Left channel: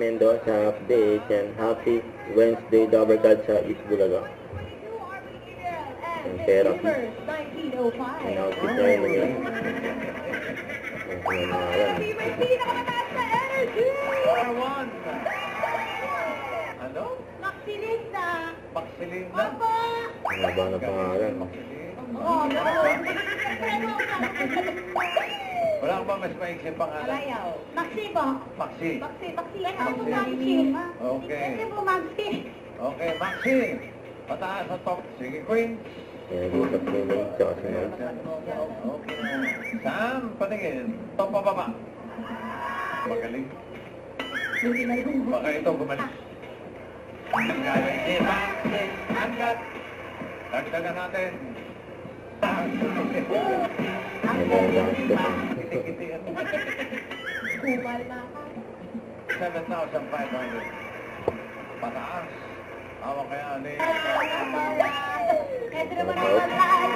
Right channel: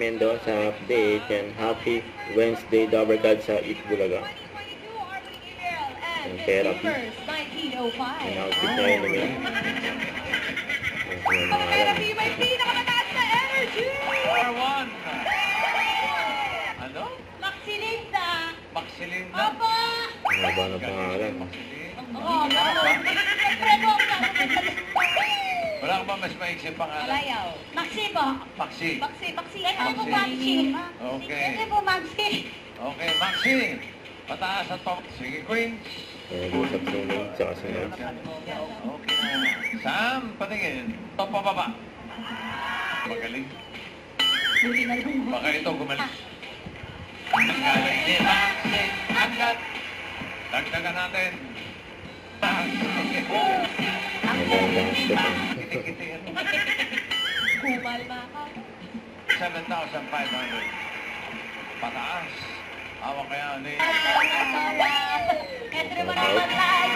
Mendoza update and happy Wednesday Dabarkad sa Itbulaga. Ang therapy. Ang outfit niya yun naman. Ang sinamaran. Ano? Maxilinda. Maxilinda? Opo. Ang haba ng pangalan. Oo, gano'n. Wala ka ba mas maiksi pangalan? Alayaw. Maxi po. Maxi. Maxi. Ito po Maxi. Maxi. Okay. Ito po Maxi. Okay, Maxi. Pataas sa top. Sige, Queen. Nag-usap si May sa si May. Okay. Sam, patingin. Top o baba? Magaling. Hindi na lang. Baka ito gumaling. Nagaling ni Maxi. Agad. Dagdagan natin. Magandang step. Kumal na ka. 7,500. Pataas. Awa kaya ano eh. Ito naman ang matay.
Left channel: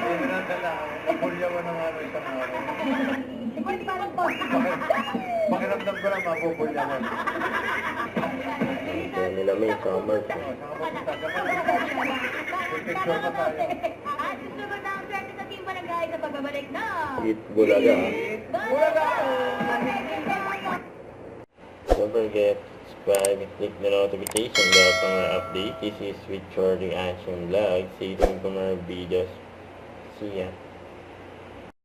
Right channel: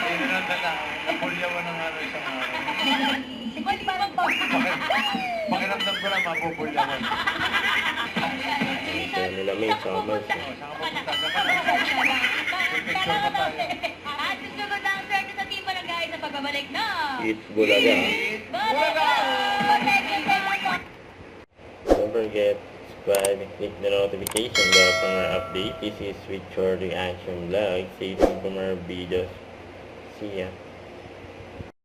Hindi na dala. Napulya mo ng ano isang araw. Hindi pa lang po. Pakiramdam ko lang mapupulya mo. Ito nila May sa Mars. Saan ka pupunta? Picture pa tayo. At susunod na ang swerte sa team barangay sa pagbabalik na Itbulaga. Bulaga! Thank you so much. Don't forget, subscribe and click the notification bell for more updates. This is with Short Reaction Vlog. Stay tuned for more videos. See ya.